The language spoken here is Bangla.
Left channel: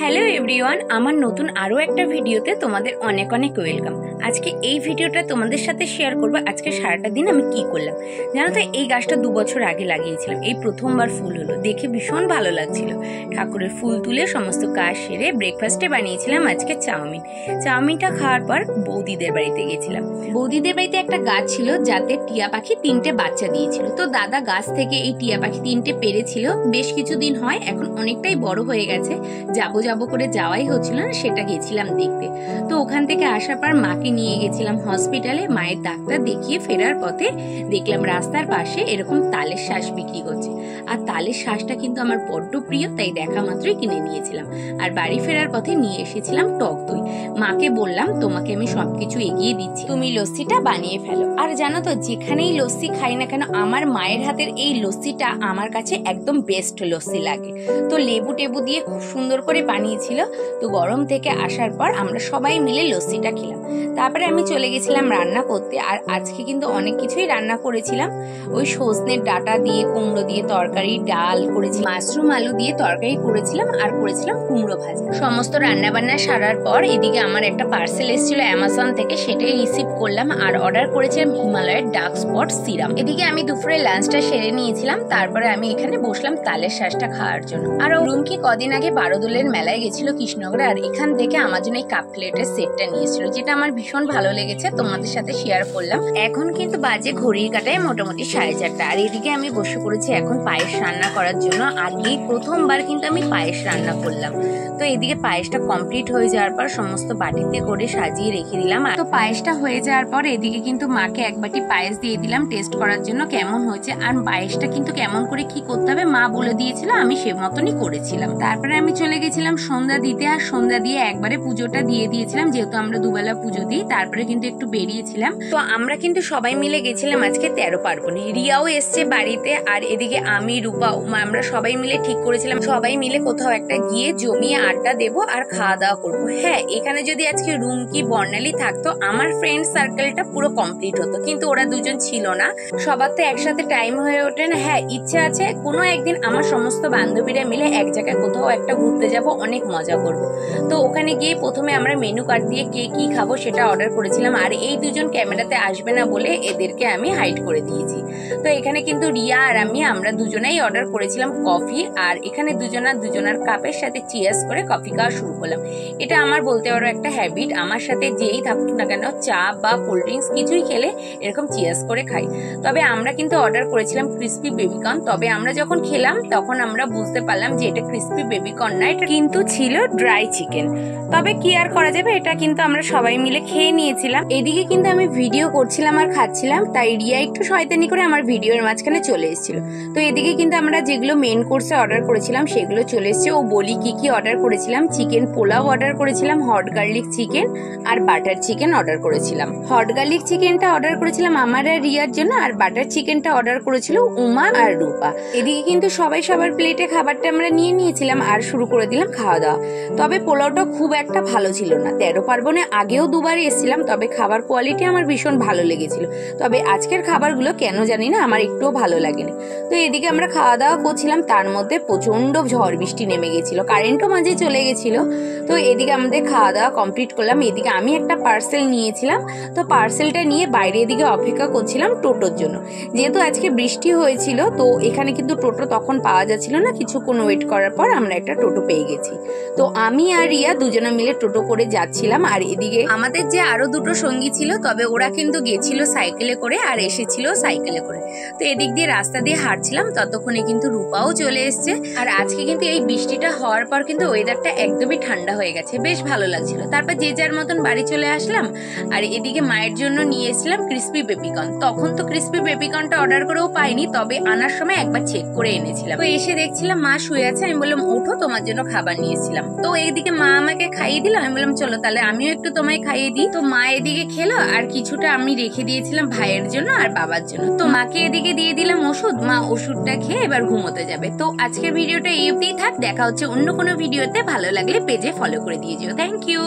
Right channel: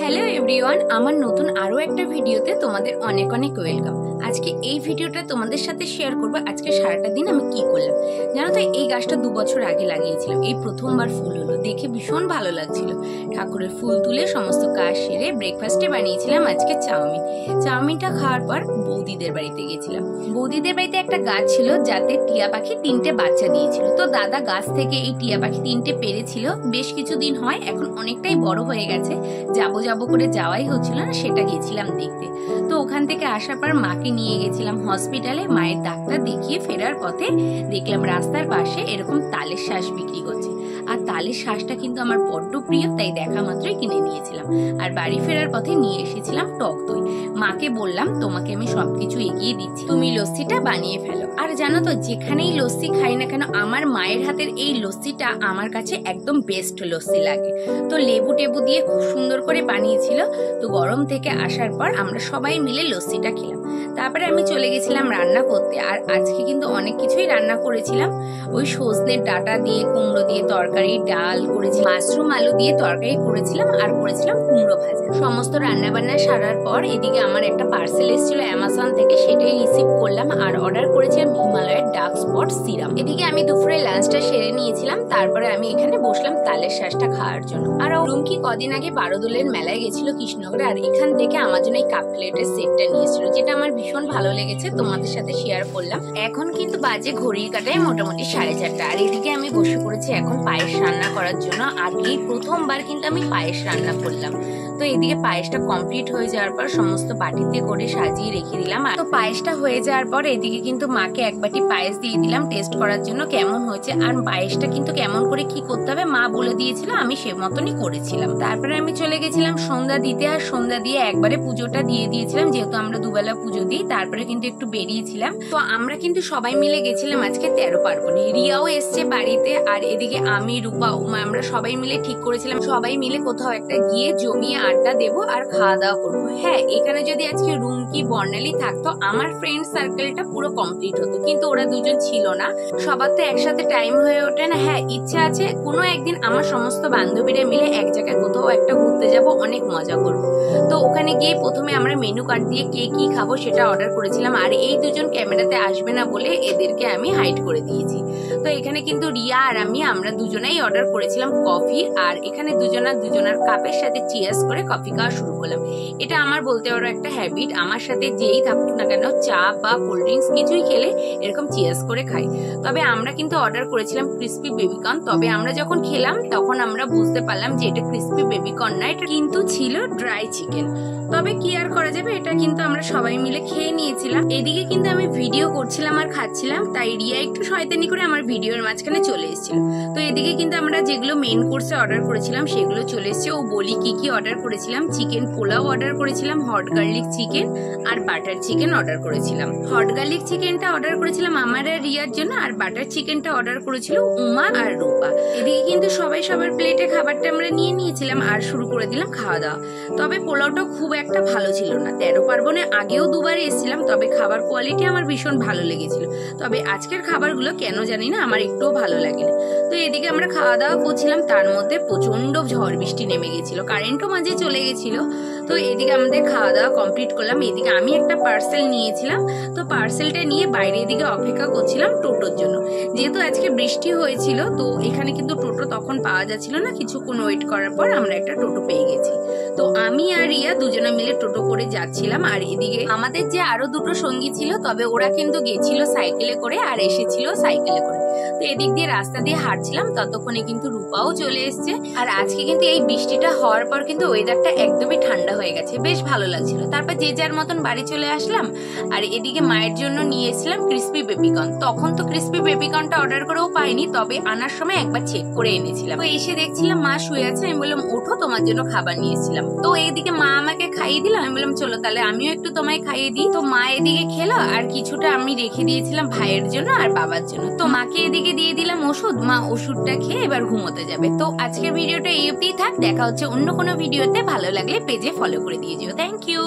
হ্যালো এভরিওয়ান, আমার নতুন আরও একটা ভিডিওতে তোমাদের অনেক অনেক ওয়েলকাম। আজকে এই ভিডিওটা তোমাদের সাথে শেয়ার করবো আজকে সারাটা দিন আমি কি করলাম। জানো তো, এই গাছটা 2 বছর আগে লাগিয়েছিলাম, এই প্রথমবার ফুল হলো, দেখে ভীষণ ভালো লাগছিল। ঠাকুরের ফুল তুলে সমস্ত কাজ সেরে ব্রেকফাস্টে বানিয়েছিলাম আজকে চাউমিনটা খাওয়ার পর বৌদিদের বাড়িতে গেছিলাম। বৌদিদের বাড়িতে একটা গাছ ছিল যাতে টিয়া পাখি 3টে বাচ্চা দিয়েছিল। তো দাদা গাছ থেকে এই টিয়া পাখি 3টে পেরেছিল, বেশ কিছুদিন হয়, এখন অনেকটাই বড় হয়ে গেছে। যাবো করে যাওয়াই হচ্ছিল না, সেটা গেছিলাম দেখতে। তো ওখান থেকে আসার পর মাকে নিয়ে গেছিলাম হসপিটালে, মায়ের ডাক্তার দেখিয়ে ফেরার পথে দেখলাম রাস্তার পাশে এরকম তালের শ্বাস বিক্রি করছে। আর তালের শ্বাসটা কিন্তু আমার বড্ড প্রিয়, তাই দেখা মাত্রই কিনে নিয়েছিলাম। আর বাড়ি ফেরার পথে নিয়ে এসেছিলাম টক দই। মাকে বললাম, তোমাকে আমি সবকিছু এগিয়ে দিচ্ছি, তুমি লস্যিটা বানিয়ে ফেলো। আর জানো তো, যেখানেই লস্যি খাই না কেন, আমার মায়ের হাতের এই লস্যিটা আমার কাছে একদম বেস্ট লস্যি লাগে। তো লেবু টেবু দিয়ে খুব সুন্দর করে বানিয়েছিল। তো গরম থেকে আসার পর আমরা সবাই মিলে লস্যিটা খেলাম। তারপরে আমি চলে গেছিলাম রান্না করতে। আর আজকে কিন্তু অনেক কিছুই রান্না করেছিলাম। ওই সজনের ডাঁটা দিয়ে কুমড়ো দিয়ে তরকারি, ডাল করেছি, মাশরুম আলু দিয়ে তরকারি করেছিলাম, আর করেছিলাম কুমড়ো ভাজা। সমস্ত রান্না বান্না সারার পর এদিকে আমার একটা পার্সেল এসেছিল অ্যামাজন থেকে, সেটাই রিসিভ করলাম। আর অর্ডার করেছিলাম হিমালয়ের ডার্ক স্পট সিরাম। এদিকে আমি দুপুরে লাঞ্চটা সেরে নিয়েছিলাম। তারপরে আমি এখানে বসলাম তালের শ্বাসটা খাওয়ার জন্য। আর রুমকি কদিন আগে বারোদোলের মেলায় গেছিল কৃষ্ণনগরে, আর এখান থেকে আমার জন্য এই কাপ প্লেটের সেটটা নিয়েছিল, যেটা আমার ভীষণ ভালো লেগেছে, তোমাদের সাথে শেয়ার করলাম। এখন কিন্তু বাজে ঘড়ির কাটায় মোটামুটি 4:30। আর এদিকে আমি বসে পড়েছি এখন পায়েস রান্না করার জন্য। আগেই প্রথমবার কিন্তু আমি পায়েস রান্না করলাম। তো এদিকে পায়েসটা কমপ্লিট হয়ে যাওয়ার পর সমস্ত বাটিতে করে সাজিয়ে রেখে দিলাম। তো পায়েসটা হয়ে যাওয়ার পর এদিকে কিন্তু মাকে এক বাটি পায়েস দিয়ে দিলাম টেস্ট করার জন্য কেমন হয়েছে। আর পায়েসটা কিন্তু কেমন করে কি করতে হবে মা বলে দিয়েছিল, আমি সে মতনই করেছিলাম। তারপরে আমি চলে গেছিলাম সন্ধ্যা দিতে। আর সন্ধ্যা দিয়ে একবারে পুজোটা দিয়ে দিয়েছিলাম, যেহেতু আমরা দুবেলা পুজো দিই। তারপরে কিন্তু একটু বেরিয়েছিলাম। তো আমরা কিন্তু সবাই মিলে গেছিলাম আজকে 13 পার্বণে। রিয়াও এসছে বাড়িতে। আর এদিকে আমি, রূপা, উমা, আমরা সবাই মিলে ঠিক করেছিলাম সবাই মিলে কোথাও একটা গিয়ে জমিয়ে আড্ডা দেবো আর খাওয়া দাওয়া করবো। হ্যাঁ, এখানে যদি আজকে রুমকি, বর্ণালী থাকতো, আমার ফ্রেন্ড সার্কেলটা পুরো কমপ্লিট হতো, কিন্তু ওরা দুজন ছিল না। সবার তো একসাথে টাইম হয়ে ওঠে না। হ্যাঁ, ইচ্ছা আছে কোনো একদিন আমার সমস্ত বান্ধবীরা মিলে এক জায়গায় কোথাও একটা ঘুরতে যাব, অনেক মজা করব। তো ওখানে গিয়ে প্রথমে আমরা মেনু কার্ড দিয়ে কে কি খাবো সেটা অর্ডার করেছিলাম। আর এই দুজন ক্যামেরাতে আসবে না বলে এদেরকে আমি হাইড করে দিয়েছি। তো এখানে কিন্তু রিয়া আর আমরা দুজনেই অর্ডার করেছিলাম কফি। আর এখানে দুজনার কাপের সাথে চিয়ার্স করে কফি খাওয়া শুরু করলাম। এটা আমার বলতে পারো একটা হ্যাবিট। আমার সাথে যেই থাকুক না কেন, চা বা কোল্ড ড্রিঙ্কস কিছুই খেলে এরকম চিয়ার্স করে খাই। তবে আমরা কিন্তু অর্ডার করেছিলাম ক্রিসপি বেবিকর্ন। তবে আমরা যখন খেলাম তখন আমরা বুঝতে পারলাম যে এটা ক্রিসপি বেবিকর্ন না, এটা কিন্তু ছিল ড্রাই চিকেন। তবে কি আর করা যাবে, এটা কিন্তু আমরা সবাই মিলে খেয়ে নিয়েছিলাম। এদিকে কিন্তু আমি ভিডিও করছিলাম আর খাচ্ছিলাম, তাই রিয়া একটু শয়তানি করে আমার ভিডিওর মাঝখানে চলে এসেছিল। তো এদিকে কিন্তু আমরা যেগুলো মেন কোর্সে অর্ডার করেছিলাম সেগুলো চলে এসেছে। ও বলি কি অর্ডার করেছিলাম, চিকেন পোলাও অর্ডার করেছিলাম, হট গার্লিক চিকেন আর বাটার চিকেন অর্ডার করেছিলাম। হট গার্লিক চিকেনটা অর্ডার করেছিলাম আমার আর রিয়ার জন্য, আর বাটার চিকেনটা অর্ডার করেছিল উমা আর রূপা। এদিকে কিন্তু সবাই সবার প্লেটে খাবারটা আমরা নিয়ে নিয়েছিলাম আর শুরু করে দিলাম খাওয়া দাওয়া। তবে পোলাওটা খুব একটা ভালো ছিল না। 13 পার্বণে আগেও দুবার এসেছিলাম, তবে খাবার কোয়ালিটি আমার ভীষণ ভালো লেগেছিল। তবে আজকের খাবারগুলো কেন জানি না আমার একটুও ভালো লাগেনি। তো এদিকে আমরা খাওয়া দাওয়া করছিলাম, তার মধ্যে প্রচন্ড ঝড় বৃষ্টি নেমে গেছিল, কারেন্টও মাঝে চলে গেছিল। তো এদিকে আমাদের খাওয়া দাওয়া কমপ্লিট করলাম। এদিকে আমি একটা পার্সেল নিয়েছিলাম, তো পার্সেলটা নিয়ে বাইরে এদিকে অপেক্ষা করছিলাম টোটোর জন্য। যেহেতু আজকে বৃষ্টি হয়েছিল, তো এখানে কিন্তু টোটো তখন পাওয়া যাচ্ছিল না। কিছুক্ষণ ওয়েট করার পর আমরা একটা টোটো পেয়ে গেছি। তো আমি আর রিয়া দুজনে মিলে টোটো করে যাচ্ছিলাম। আর এদিকে আমাদের যে আরো দুটো সঙ্গী ছিল, তবে ওরা কিন্তু গেছিল সাইকেলে করে আর এসেছিল সাইকেলে করে। তো এদিক দিয়ে রাস্তা দিয়ে হাঁটছিলাম, ততক্ষণে কিন্তু রূপাও চলে এসছে। আর আজকে কিন্তু এই বৃষ্টিটা হওয়ার পর কিন্তু ওয়েদারটা একদমই ঠান্ডা হয়ে গেছে, বেশ ভালো লাগছিল। তারপর যে যার মতন বাড়ি চলে আসলাম। আর এদিকে মায়ের জন্য নিয়ে এসেছিলাম ক্রিসপি বেবিকর্ন। তখন তো ক্রিসপি বেবিকর্নটা অর্ডার করেও পাইনি, তবে আনার সময় একবার চেক করে এনেছিলাম। তো এসে দেখছিলাম মা শুয়ে আছে, আমি বললাম ওঠো, তোমার জন্য খাবার নিয়ে এসেছিলাম। তো এইদিকে মা আমাকে খাইয়ে দিল, আমি বললাম চলো তাহলে আমিও একটু তোমায় খাইয়ে দিই। তো মা এদিকে খেলো, আর কিছুটা আমি রেখে দিয়েছিলাম ভাইয়ের জন্য আর বাবার জন্য। তো মাকে এদিকে দিয়ে দিলাম ওষুধ, মা ওষুধটা খেয়ে এবার ঘুমোতে যাবে। তো আজকের ভিডিওটা এই অবধিই থাক, দেখা হচ্ছে অন্য কোনো ভিডিওতে। ভালো লাগলে পেজে ফলো করে দিয়ে যেও। Thank you.